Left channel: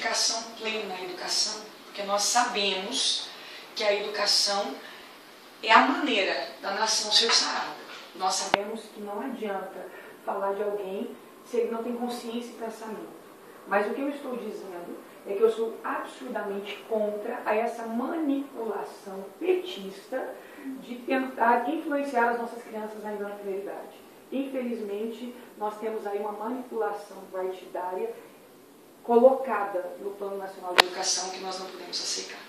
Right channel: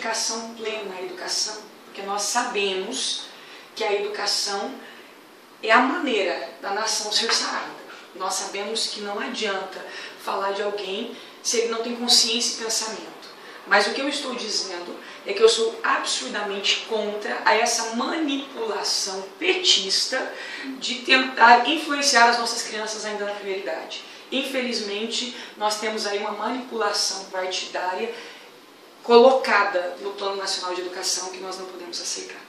dedicação plena à educação, porque nós sabemos que a educação é a maneira da nação ser sarada. Nós sabemos que não adianta falar de alguém se ele não tem consciência e pensamento. Mas o que eu estou dizendo é que eu sou absurdamente contra essa manipulação petista de tentar influenciar as nossas crianças ainda na primeira idade. Infelizmente, nós temos aí uma manipulação partidária colocada no Plano Nacional de Educação que nós não podemos aceitar.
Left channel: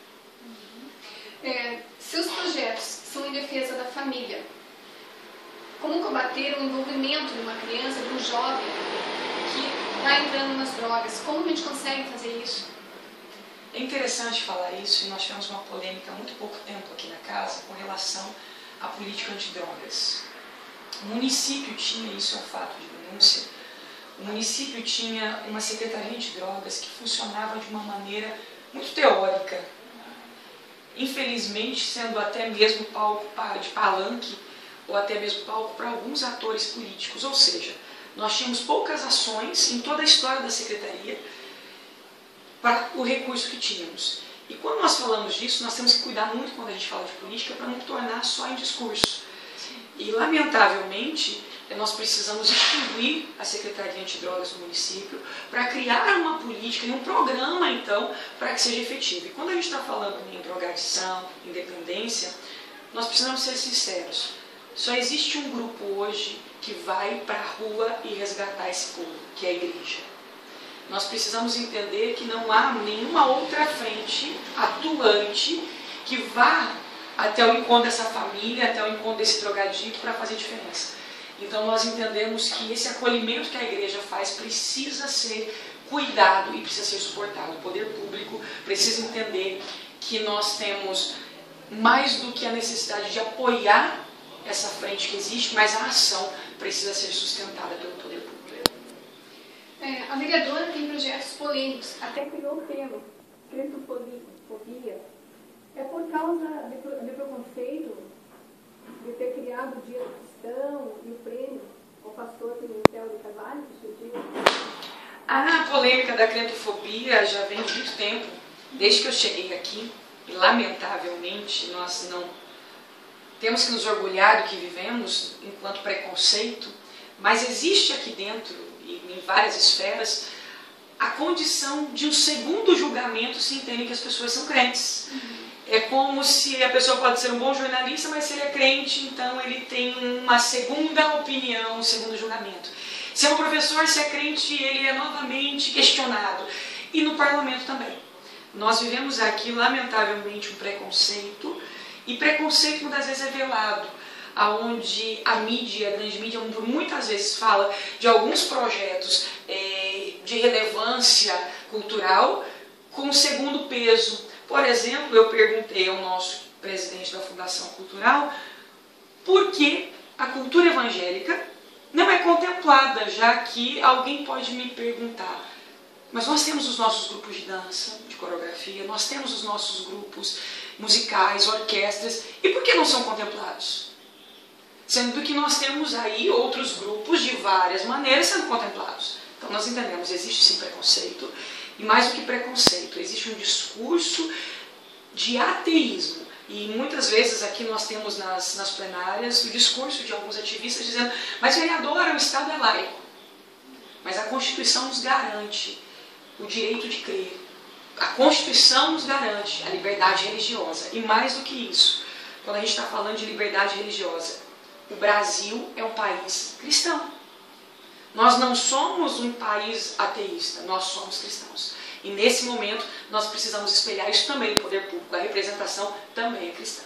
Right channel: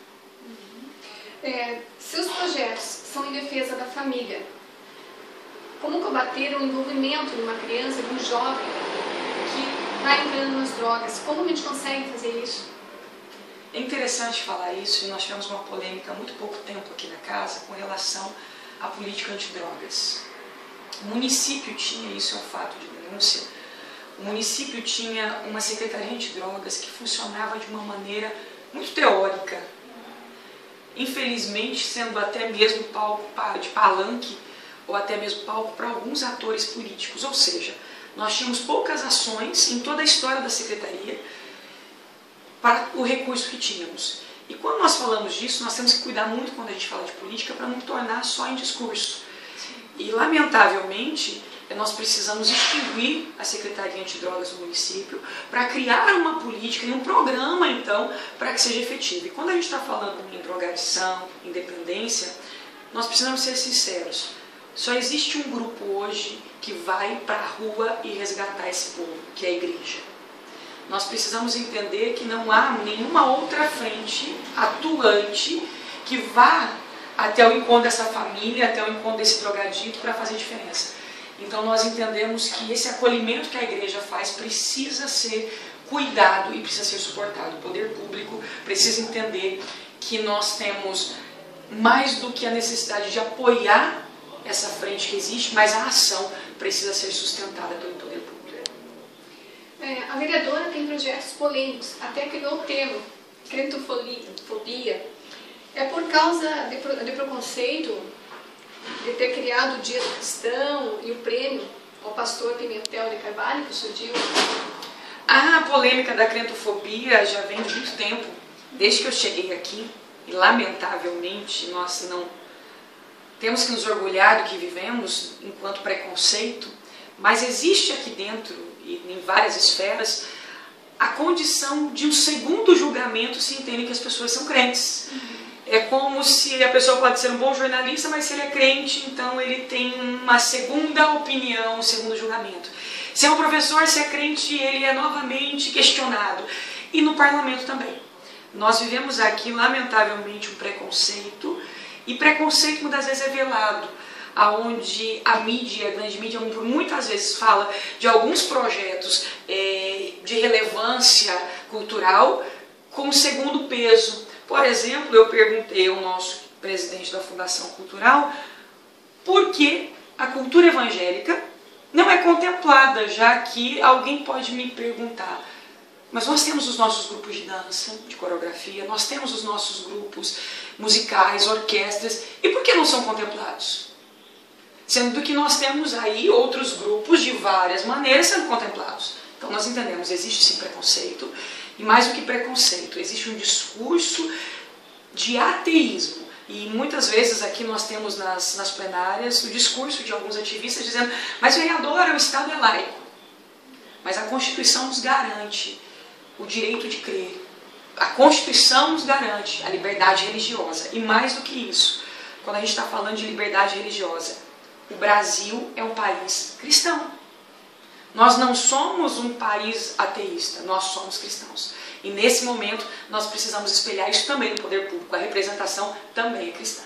Seus projetos são em defesa da família. Como combater o envolvimento de uma criança, de um jovem que está entrando nas drogas? Como a gente consegue fazer isso? É interessante falar isso, e nós tivemos uma polêmica há muito pouco tempo aqui na casa com relação à política antidrogas. O município tinha, isso é um fato de denúncia, o município tinha uma secretaria antidrogas que funcionava de uma maneira muito teórica, infelizmente sendo até mesmo palco de palanque ou até mesmo palco para alguns atores políticos, ou seja, nós tínhamos poucas ações em toda a história da secretaria para o recurso que tínhamos. E quando nós falamos disso, nós temos que cuidar muito quando a gente fala de política para não tornar só em discurso. E, lamentavelmente, nós precisamos extinguir a Secretaria Antidrogas do município para criar uma política e um programa, então, para que seja efetivo. E quando a gente está falando em drogadição, em dependência, nós precisamos ser sinceros. Só existe um grupo hoje que vai para a rua e resgatar esse povo, que é a igreja. Nós precisamos entender que não há nenhuma outra frente atuante que vá até o encontro dessa família, até o encontro desse drogadito para fazer diferença. Então nós entendemos que esse acolhimento que a igreja faz precisa ser cuidado e precisa ser suportado. O poder público precisa entender que nós temos mais do que a necessidade de apoiar essa frente que existe, mas a ação precisa ser sustentada pelo poder público. A vereadora tem projetos polêmicos, até criou o termo crentofobia. É por causa de preconceito de ter criado o Dia do Cristão e o prêmio ao pastor Pimentel de Carvalho que surgiu? A polêmica da crentofobia já vem de muito tempo, desde que eu cheguei aqui, e lamentavelmente nós não temos que nos orgulhar do que vivemos enquanto preconceito, mas existe aqui dentro, e em várias esferas, a condição de um segundo julgamento se entende que as pessoas são crentes. É como se a pessoa pode ser um bom jornalista, mas se ele é crente, então ele tem uma segunda opinião, um segundo julgamento. Se é um professor, se é crente, ele é novamente questionado. E no parlamento também. Nós vivemos aqui, lamentavelmente, um preconceito, e preconceito muitas vezes é velado, onde a mídia, a grande mídia, por muitas vezes fala de alguns projetos de relevância cultural com segundo peso. Por exemplo, eu perguntei ao nosso presidente da Fundação Cultural por que a cultura evangélica não é contemplada, já que alguém pode me perguntar, mas nós temos os nossos grupos de dança, de coreografia, nós temos os nossos grupos musicais, orquestras, e por que não são contemplados? Sendo que nós temos aí outros grupos de várias maneiras sendo contemplados. Então nós entendemos, existe sim preconceito, e mais do que preconceito, existe um discurso de ateísmo. E muitas vezes aqui nós temos nas plenárias o discurso de alguns ativistas dizendo, mas vereadora, o Estado é laico. Mas a Constituição nos garante o direito de crer. A Constituição nos garante a liberdade religiosa. E mais do que isso, quando a gente está falando de liberdade religiosa, o Brasil é um país cristão. Nós não somos um país ateísta, nós somos cristãos. E nesse momento nós precisamos espelhar isso também no poder público. A representação também é cristã.